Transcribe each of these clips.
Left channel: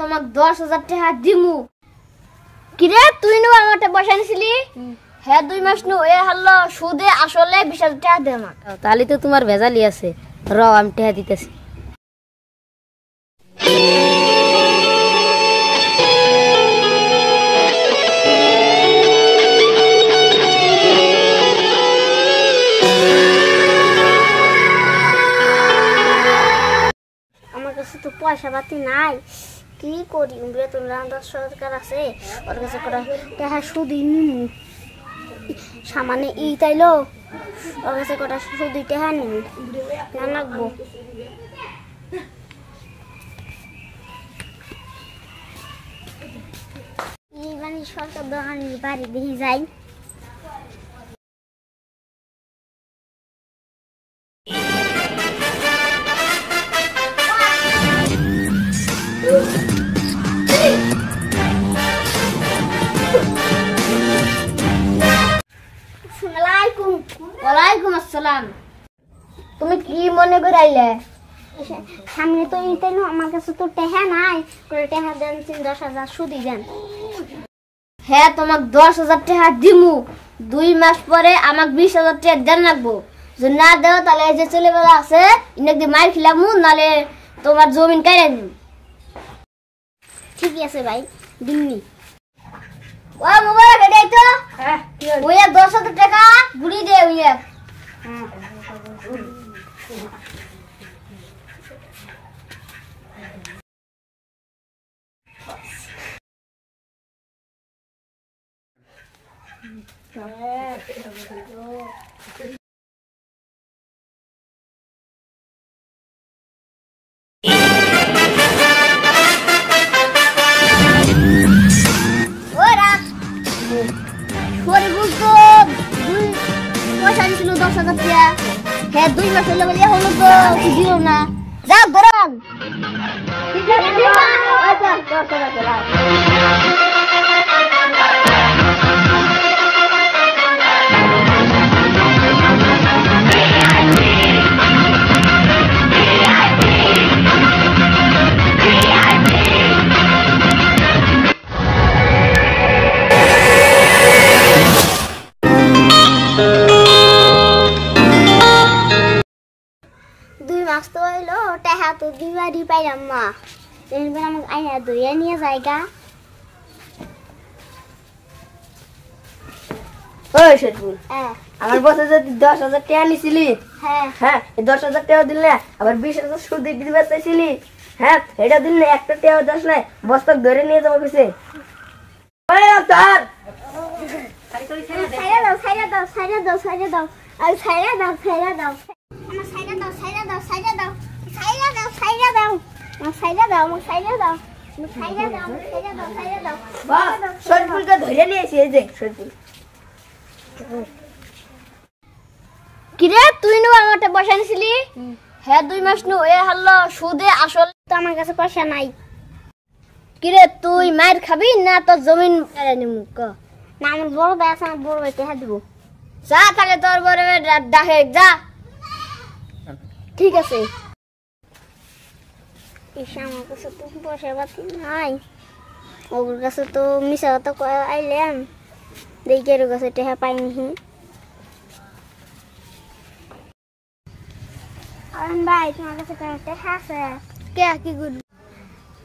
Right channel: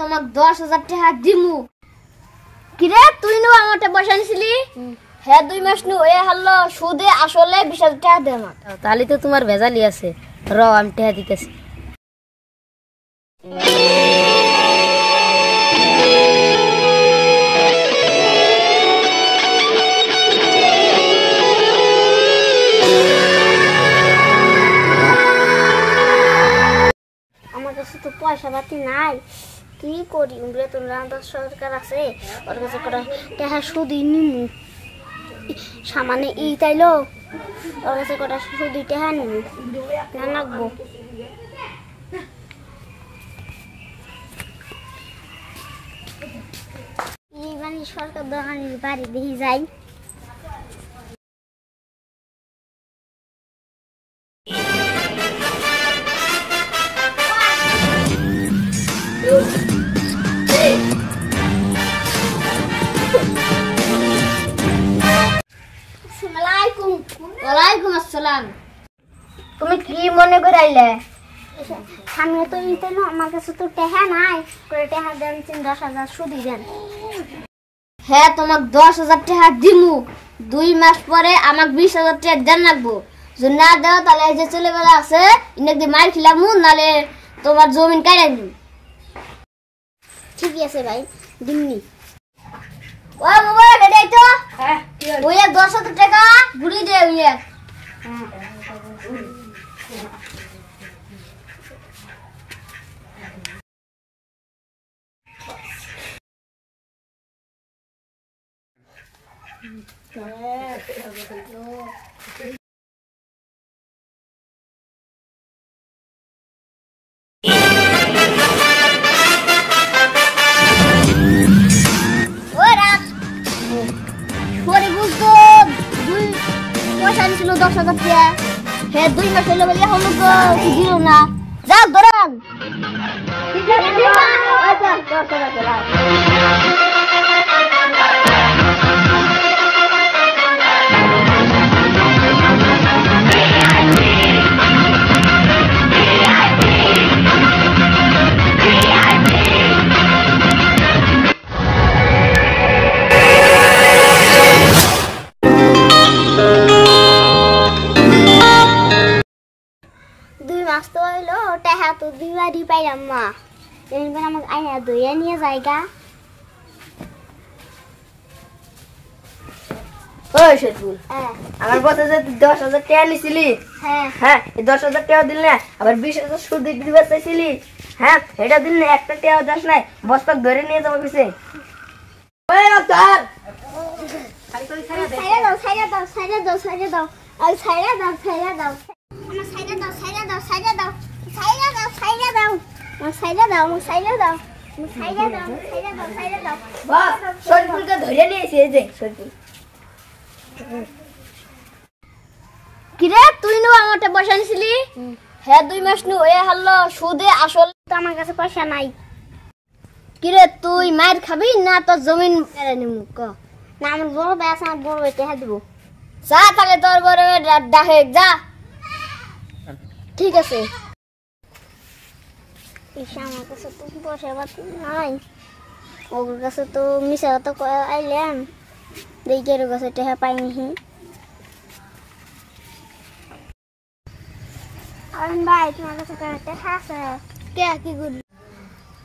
তোমাক 10,000 টাকা দিমু। কিরে তুই নো আমাতে পয়সা নিছিলি? হ্যাঁ 2 মাস নু এ হলো সুদে আসলে 20,000 টাকা দে আমাক। তাহলে তো তোমার ভেজালি আছে। র আমি টাকা দিতেছি। আমার কাছে তো পয়সা পাতি নাই, কি করি? বেতন সরকার আছে, ওর কাছে করে টাকা সুদি নিমু। সামানে ই তাইলো ওর কাছে করে সুদি টাকা নিমু না লাগবো। এই মানে সরকার দোকানের বাড়ি দেখি যাই। ওয়ালাইকুম আসসালাম। তুমি কি মনে করে আইলে? সামনে তো ইতে না, আমার কাছে তো টাকা নাই, টাকা দেন 10,000 সুদি দেন। হ্যাঁ তোমাক 10,000 টাকা দিমু, 2 মাস পরে আমাক 20,000 টাকা দেন লাগবো। যদি না দাও তাহলে এই যে ছেলেবেলা আছে ইনাকে মার খিলামু, নালে তোমার জমিন কাইরা নিমু। ঠিকই আছে ভাই, দিমনি। ও মোবাইল রেডি তো? হ্যাঁ ওই 10,000 টাকা গুড়ি দে ওই। হ্যাঁ পয়সা দিছিল 10,000 টাকা। হ্যাঁ 2 মাস হইলো বলে এখন দিল না। যাও ধরান। আচ্ছা 10,000 টাকা। তো হইলো টাকা তো দিবারই পাইলাম মা, এবার আমাকে আইনা দইয়া নিয়ে যায়গা। ওই শরীফুল, আমার বসে যে 10,000 টাকা নিছিলি, হ্যাঁ হ্যাঁ এই 10,000 টাকা দিল না, আবার 20,000 সুদ দিতে চাইছিলি, হ্যাঁ এটা দিল না, একটা টাকা দাস নাই, বস্তাক ধরে নিয়ে যাবো পিছে। ওই ডাক্তার ছাইরা দাও ছাইরা দাও ছাইরা দাও ছাইরা দাও আর ছাইরা দাও ছাইরা দাও আমার ছাইরা দাও ছাইরা দাও ছাইরা দাও ছাইরা দাও ছাইরা দাও আমার ছাইরা দাও আমার ছাইরা দাও ছাইরা দাও ছাইরা দাও ছাইরা দাও। বাহ শরীফুলকে ধরে নিয়েছি এই যে শরীফুল। কিরে তুই নো আমাতে পয়সা নিছিলি? হ্যাঁ 2 মাস নু এ হলো সুদে আসল তো আমার কাছে পয়সা নাই। কিরে তুই মার খাবি না তোর জমিন কেড়ে নিমু? ক না আমার বড় ভাই আছে, আমার বড় ভাই টাকা দিব। যা তাহলে তোর বড় ভাই ডাকে যা। ঠিক আছে। ইসা আমার কাছে তো পয়সা পাতি নাই, ওর কাছে তো মিশা কথা আইলাম, দেখি ওর কাছে টাকা পাইনি। ভাই তোমার কাছে টাকা আছে? কে কি করবি?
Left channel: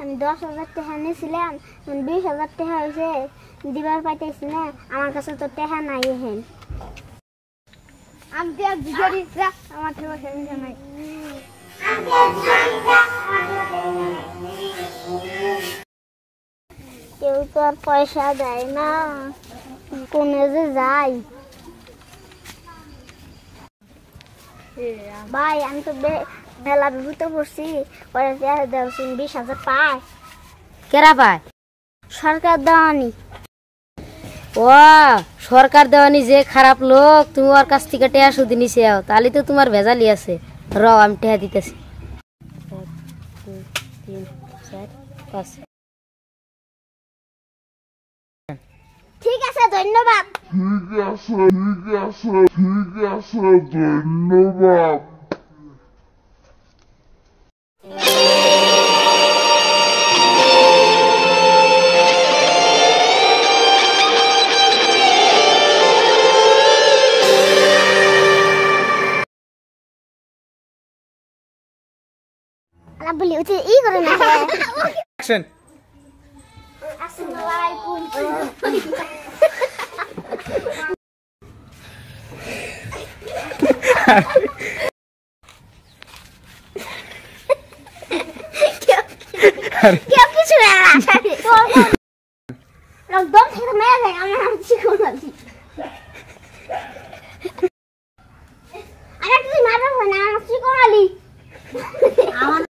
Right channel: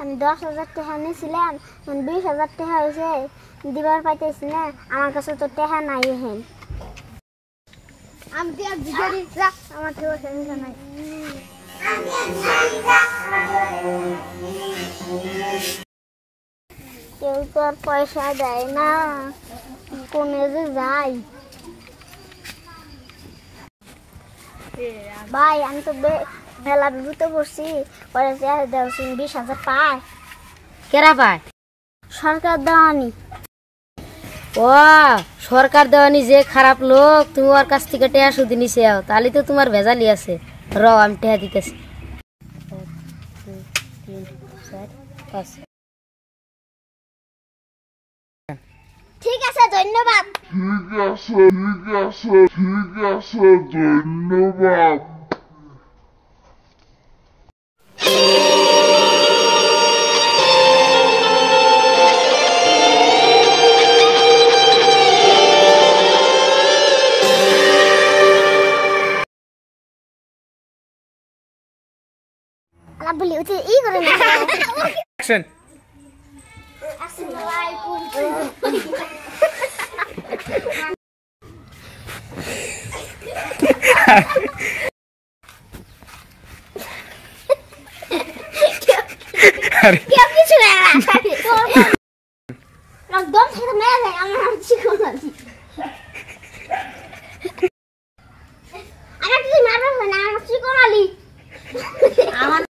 আমি 10,000 টাকা নিয়েছিলাম, 20,000 টাকা হয়েছে, দিবার পাইতেছি না, আমার কাছে তো টাকা নাই। হেন আমি আমার নাই। কেউ তো আর পয়সা দেয় না, কোনে যে যাই। ভাই আমি তো মেলা বিভূতে পড়ছি, 20,000 পায়। কেরা পায়? সরকার দেওয়ানি। ও সরকার দেওয়ানি যে খারাপ লোক, তুমি ওর কাছ থেকে টাকা সুদ নিছে, তাহলে তো তোমার ভেজালি আছে। র আমি টাকা দিতেছি। 2 3 4 5। ঠিক আছে ধন্যবাদ। ধন্যবাদ। বলি ওই ই করে না অ্যাকশন আসসালামু আলাইকুম কেউ কিছু না দম থেকে মেরে দেয় আমার চিকন আছে আরে তুই মারবে না আমার চিকন আলি